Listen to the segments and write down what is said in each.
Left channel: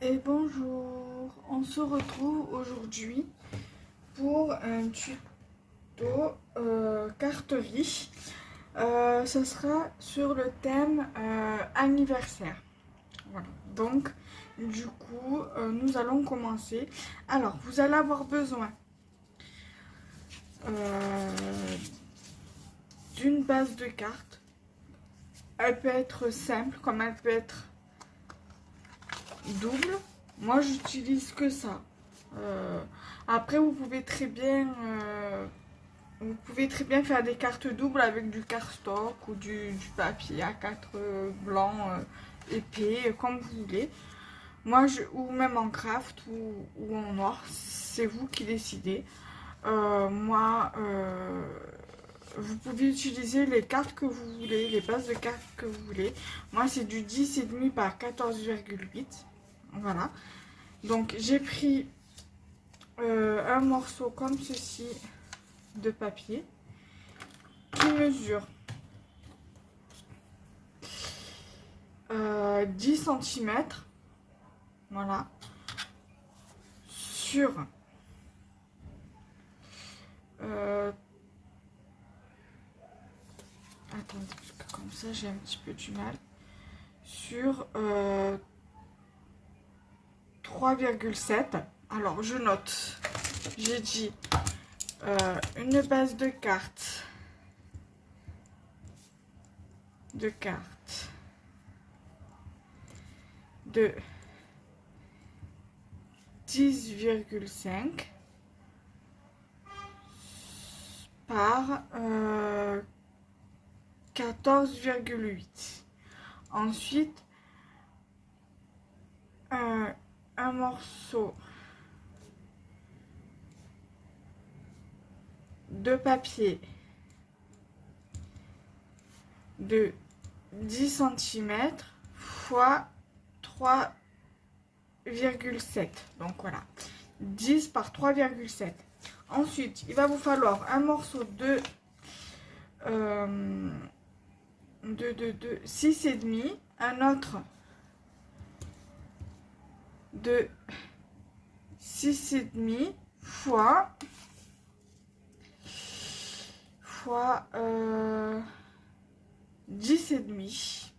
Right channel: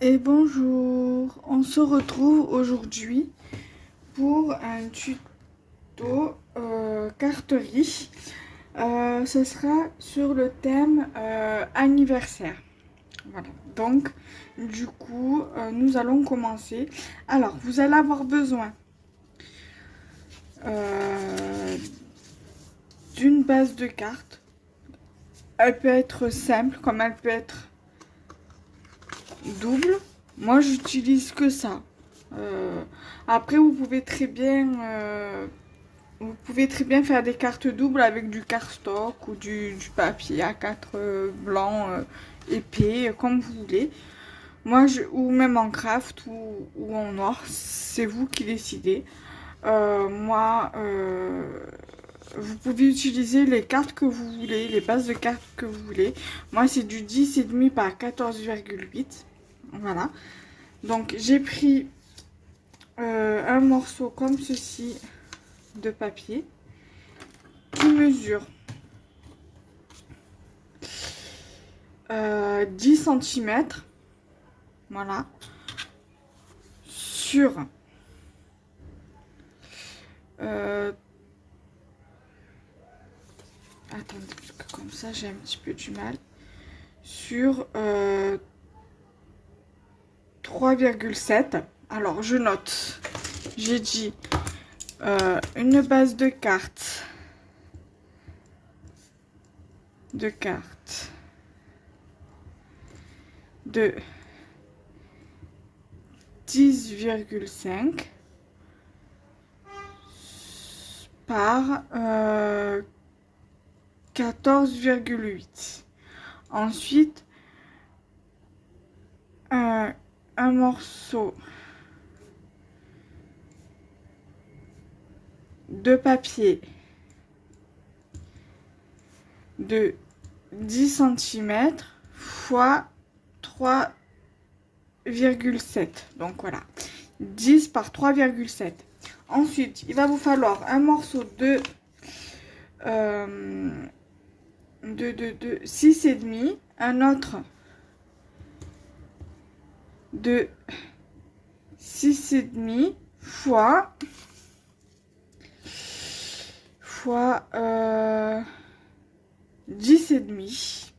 Et bonjour, on se retrouve aujourd'hui pour un tuto carterie. Ce sera sur le thème anniversaire. Voilà, donc du coup nous allons commencer. Alors vous allez avoir besoin euh, d'une base de cartes. Elle peut être simple comme elle peut être double. Moi j'utilise que ça. Après vous pouvez très bien faire des cartes doubles avec du cardstock ou du papier A4 blanc épais comme vous voulez. Ou même en craft ou en or, c'est vous qui décidez. Vous pouvez utiliser les cartes que vous voulez, les bases de cartes que vous voulez. Moi c'est du 10,5 par 14,8. Voilà. Donc j'ai pris un morceau comme ceci de papier qui mesure 10 cm. Voilà. Sur attendez, parce que comme ça j'ai un petit peu du mal. Sur 3,7. Alors je note. J'ai dit une base de cartes. De 10,5 par 14,8. Ensuite, un morceau de papier de 10 cm fois 3,7. Donc voilà, 10 par 3,7. Ensuite, il va vous falloir un morceau de 6,5, un autre de 6,5 fois 10,5.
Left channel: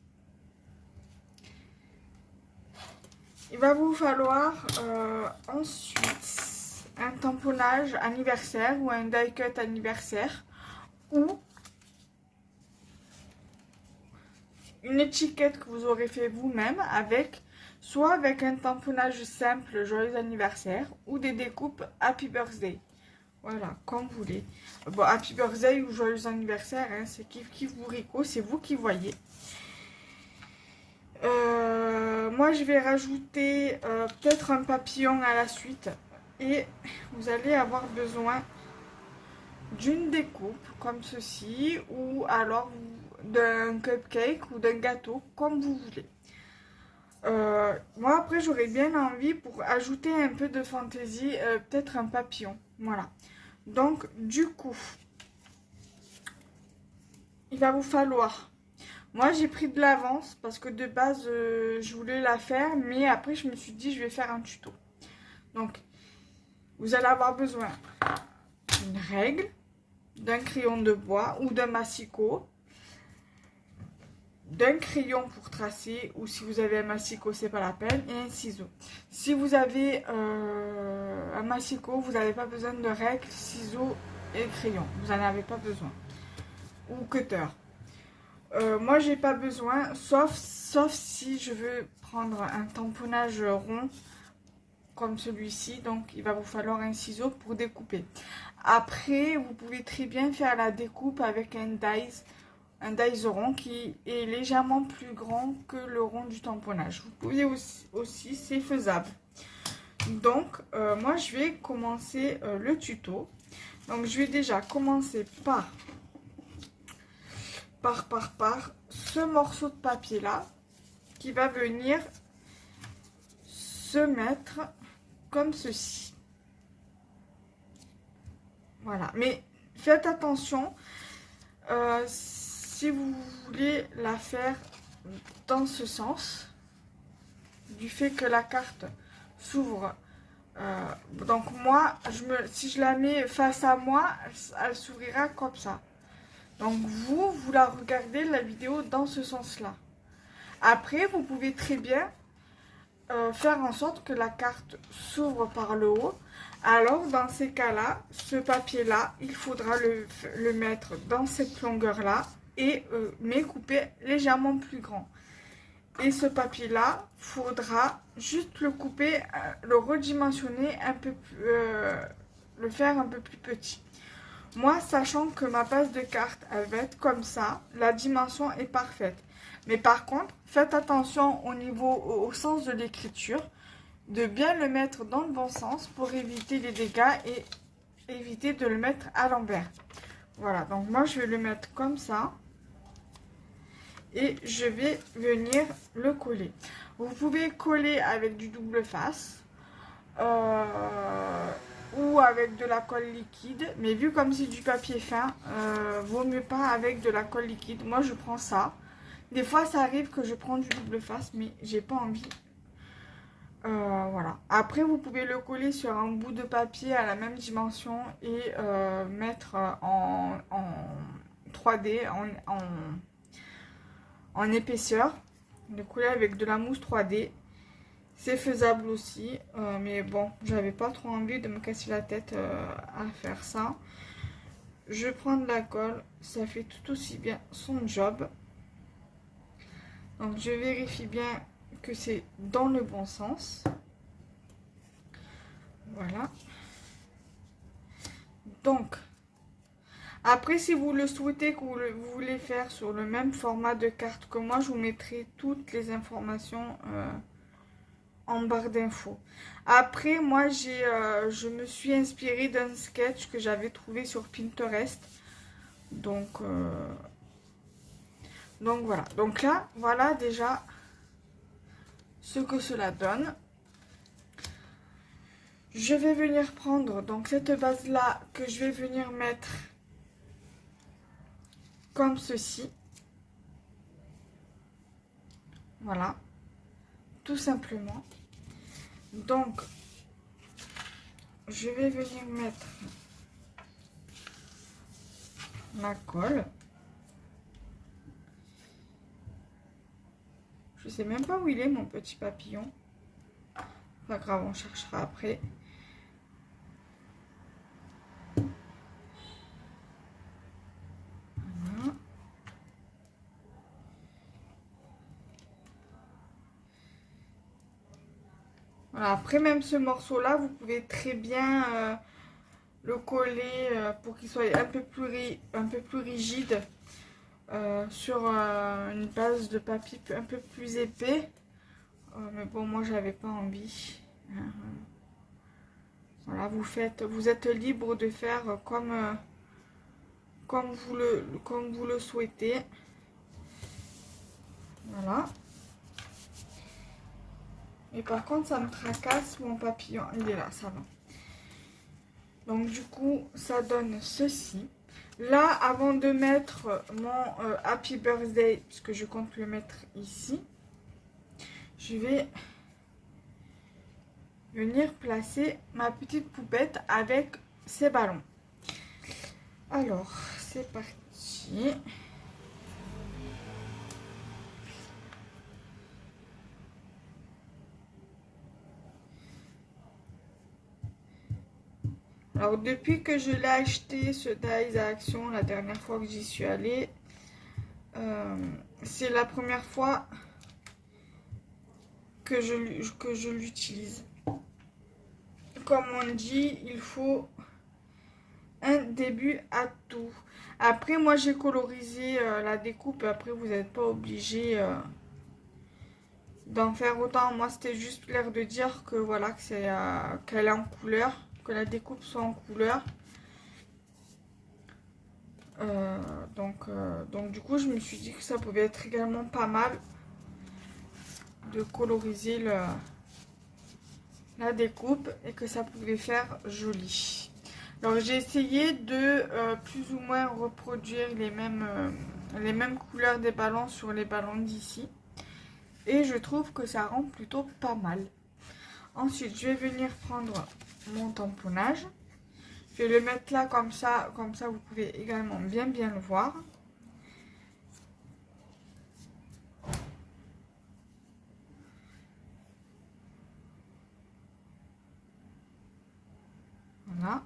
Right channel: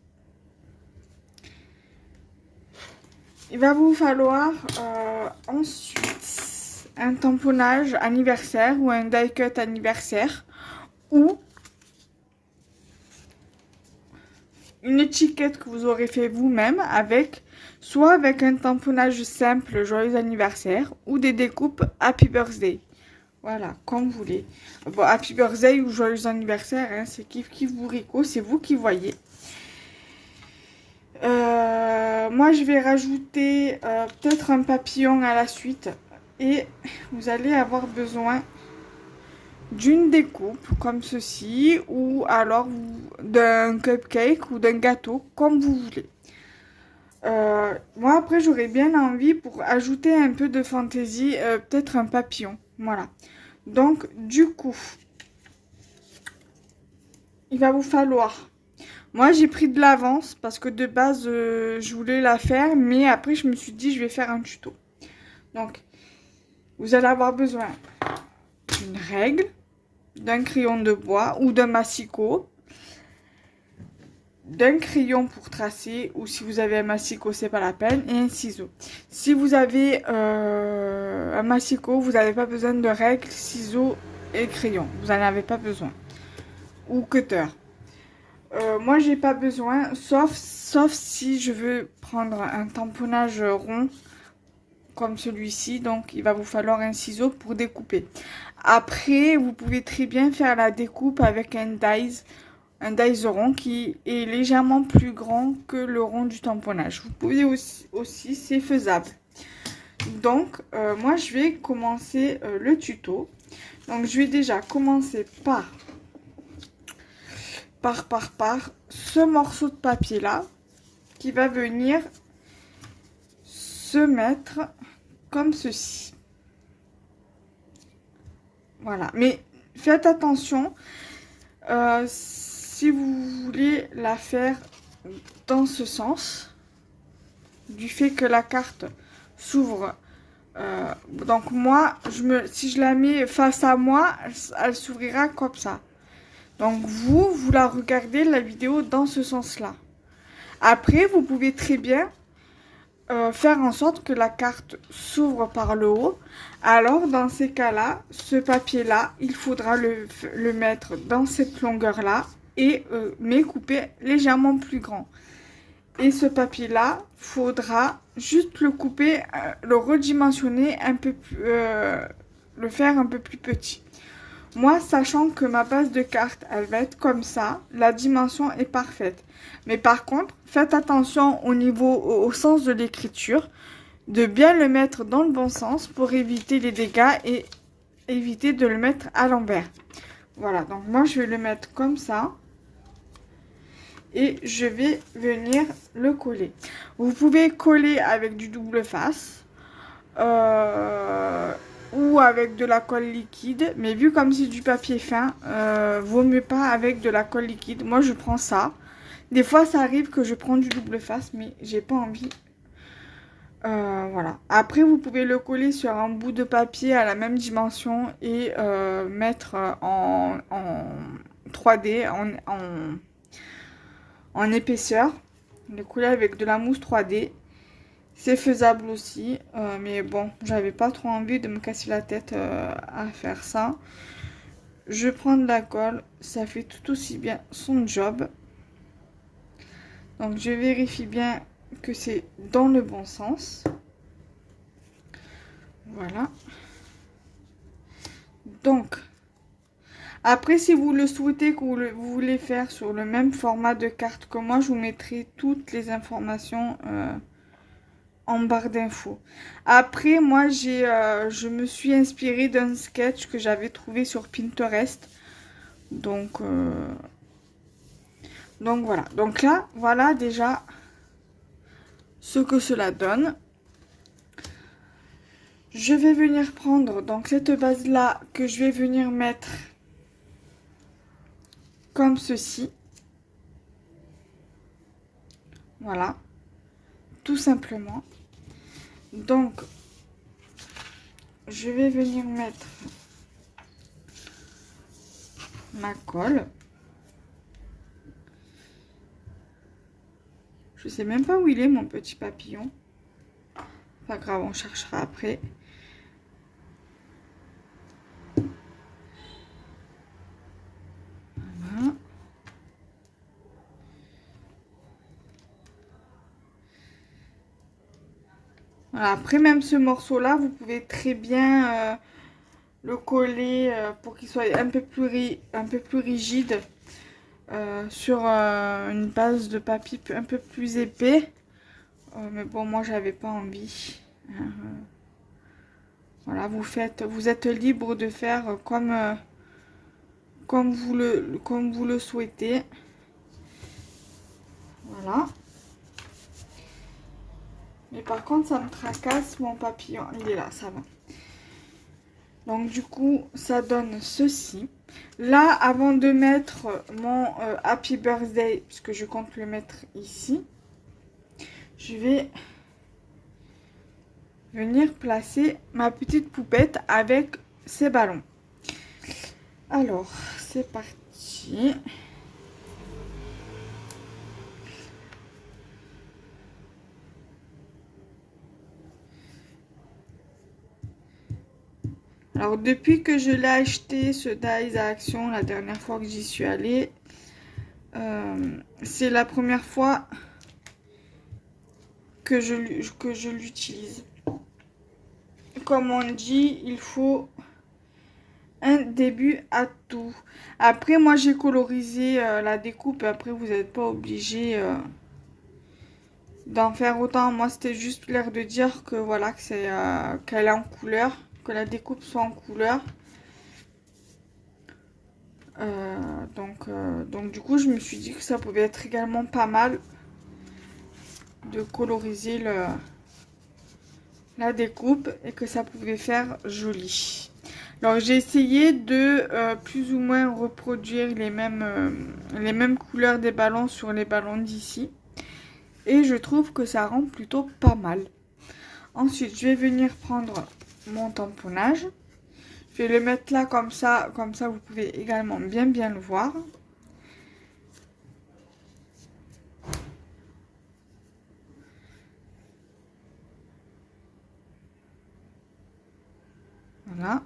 Il va vous falloir ensuite un tamponnage anniversaire ou un die cut anniversaire ou une étiquette que vous aurez fait vous-même soit avec un tamponnage simple joyeux anniversaire ou des découpes happy birthday. Voilà, comme vous voulez. Bon, happy birthday ou joyeux anniversaire, hein, c'est kiff bourricot, c'est vous qui voyez. Moi, je vais rajouter peut-être un papillon à la suite. Et vous allez avoir besoin d'une découpe comme ceci ou alors d'un cupcake ou d'un gâteau comme vous voulez. Moi après j'aurais bien envie pour ajouter un peu de fantaisie, peut-être un papillon. Voilà. Donc du coup, il va vous falloir... Moi j'ai pris de l'avance parce que de base je voulais la faire, mais après je me suis dit je vais faire un tuto. Donc vous allez avoir besoin d'une règle, d'un crayon de bois ou d'un massicot, d'un crayon pour tracer, ou si vous avez un massicot c'est pas la peine, et un ciseau. Si vous avez un massicot, vous n'avez pas besoin de règle, ciseaux et crayon, vous n'en avez pas besoin, ou cutter. Moi j'ai pas besoin, sauf si je veux prendre un tamponnage rond comme celui-ci, donc il va vous falloir un ciseau pour découper. Après vous pouvez très bien faire la découpe avec un dies rond qui est légèrement plus grand que le rond du tamponnage. Vous pouvez aussi c'est faisable. Donc moi je vais commencer le tuto. Donc je vais déjà commencer par ce morceau de papier là qui va venir se mettre comme ceci. Voilà, mais faites attention si vous voulez la faire dans ce sens. du fait que la carte s'ouvre. Donc moi, si je la mets face à moi, elle s'ouvrira comme ça. Donc vous la regardez la vidéo dans ce sens-là. Après, vous pouvez très bien faire en sorte que la carte s'ouvre par le haut. Alors dans ces cas-là, ce papier-là, il faudra le mettre dans cette longueur-là et mais couper légèrement plus grand. Et ce papier-là, faudra juste le couper, le redimensionner un peu plus, le faire un peu plus petit. Moi, sachant que ma base de carte, elle va être comme ça, la dimension est parfaite. Mais par contre, faites attention au sens de l'écriture, de bien le mettre dans le bon sens pour éviter les dégâts et éviter de le mettre à l'envers. Voilà, donc moi je vais le mettre comme ça. Et je vais venir le coller. Vous pouvez coller avec du double face ou avec de la colle liquide, mais vu comme c'est du papier fin, vaut mieux pas avec de la colle liquide. Moi je prends ça. Des fois ça arrive que je prends du double face, mais j'ai pas envie. Voilà. Après vous pouvez le coller sur un bout de papier à la même dimension et mettre en 3D, en épaisseur, le coller avec de la mousse 3D, c'est faisable aussi, mais bon, j'avais pas trop envie de me casser la tête à faire ça. Je prends de la colle, ça fait tout aussi bien son job. Donc je vérifie bien que c'est dans le bon sens. Voilà. Donc après, si vous le souhaitez, que vous voulez faire sur le même format de carte que moi, je vous mettrai toutes les informations en barre d'infos. Après, moi, je me suis inspirée d'un sketch que j'avais trouvé sur Pinterest. Donc voilà. Donc là, voilà déjà ce que cela donne. Je vais venir prendre donc cette base-là que je vais venir mettre comme ceci. Voilà, tout simplement. Donc, je vais venir mettre ma colle. Je sais même pas où il est mon petit papillon. Pas grave, on cherchera après. Voilà. Voilà. Après, même ce morceau-là, vous pouvez très bien le coller pour qu'il soit un peu plus rigide sur une base de papier un peu plus épais. Mais bon, moi, j'avais pas envie. Voilà, vous êtes libre de faire comme vous le souhaitez. Voilà. Mais par contre, ça me tracasse mon papillon. Il est là, ça va. Donc du coup, ça donne ceci. Là, avant de mettre mon Happy Birthday, puisque je compte le mettre ici, je vais venir placer ma petite poupette avec ses ballons. Alors, c'est parti. Alors, depuis que je l'ai acheté, ce Dies à Action, la dernière fois que j'y suis allée, c'est la première fois que je l'utilise. Comme on dit, il faut un début à tout. Après, moi, j'ai colorisé la découpe. Après, vous n'êtes pas obligé d'en faire autant. Moi, c'était juste l'air de dire que voilà, que c'est qu'elle est en couleur, que la découpe soit en couleur. Donc du coup, je me suis dit que ça pouvait être également pas mal de coloriser la découpe et que ça pouvait faire joli. Alors j'ai essayé de plus ou moins reproduire les mêmes couleurs des ballons sur les ballons d'ici. et je trouve que ça rend plutôt pas mal. Ensuite, je vais venir prendre mon tamponnage. Je vais le mettre là comme ça vous pouvez également bien le voir. Voilà.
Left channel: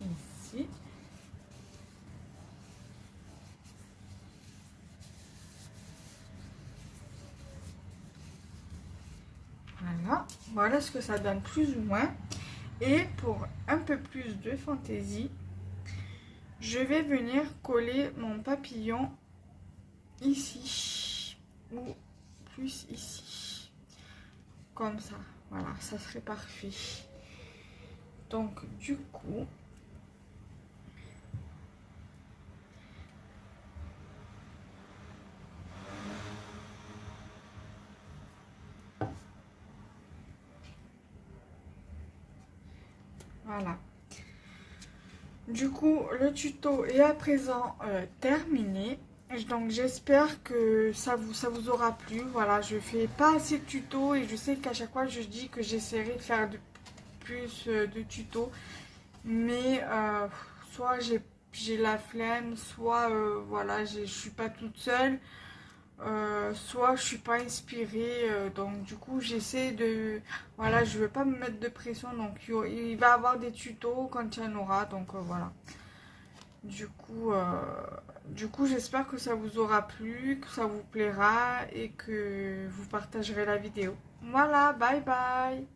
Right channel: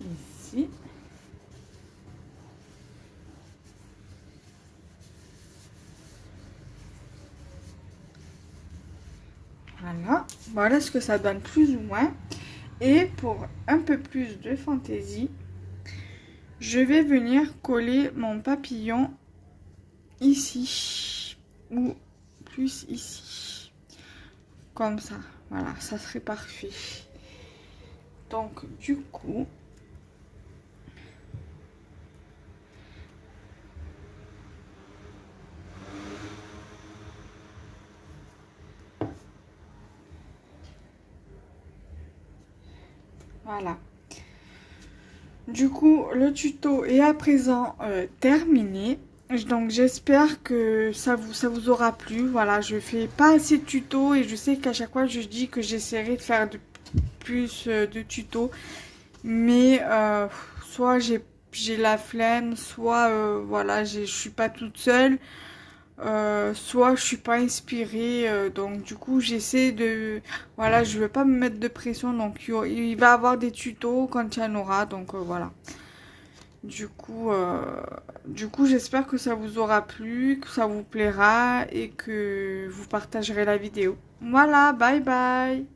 Ici. Voilà. Voilà ce que ça donne plus ou moins. Et pour un peu plus de fantaisie, je vais venir coller mon papillon ici ou plus ici. Comme ça. Voilà, ça serait parfait. Donc, du coup, voilà. Du coup, le tuto est à présent terminé. Donc, j'espère que ça vous aura plu. Voilà, je fais pas assez de tutos et je sais qu'à chaque fois, je dis que j'essaierai de faire plus de tutos. Mais soit j'ai la flemme, soit voilà, je suis pas toute seule. Soit je suis pas inspirée, donc du coup j'essaie de, voilà, je veux pas me mettre de pression, donc il va y avoir des tutos quand il y en aura, donc voilà. Du coup j'espère que ça vous aura plu, que ça vous plaira et que vous partagerez la vidéo. Voilà, bye bye.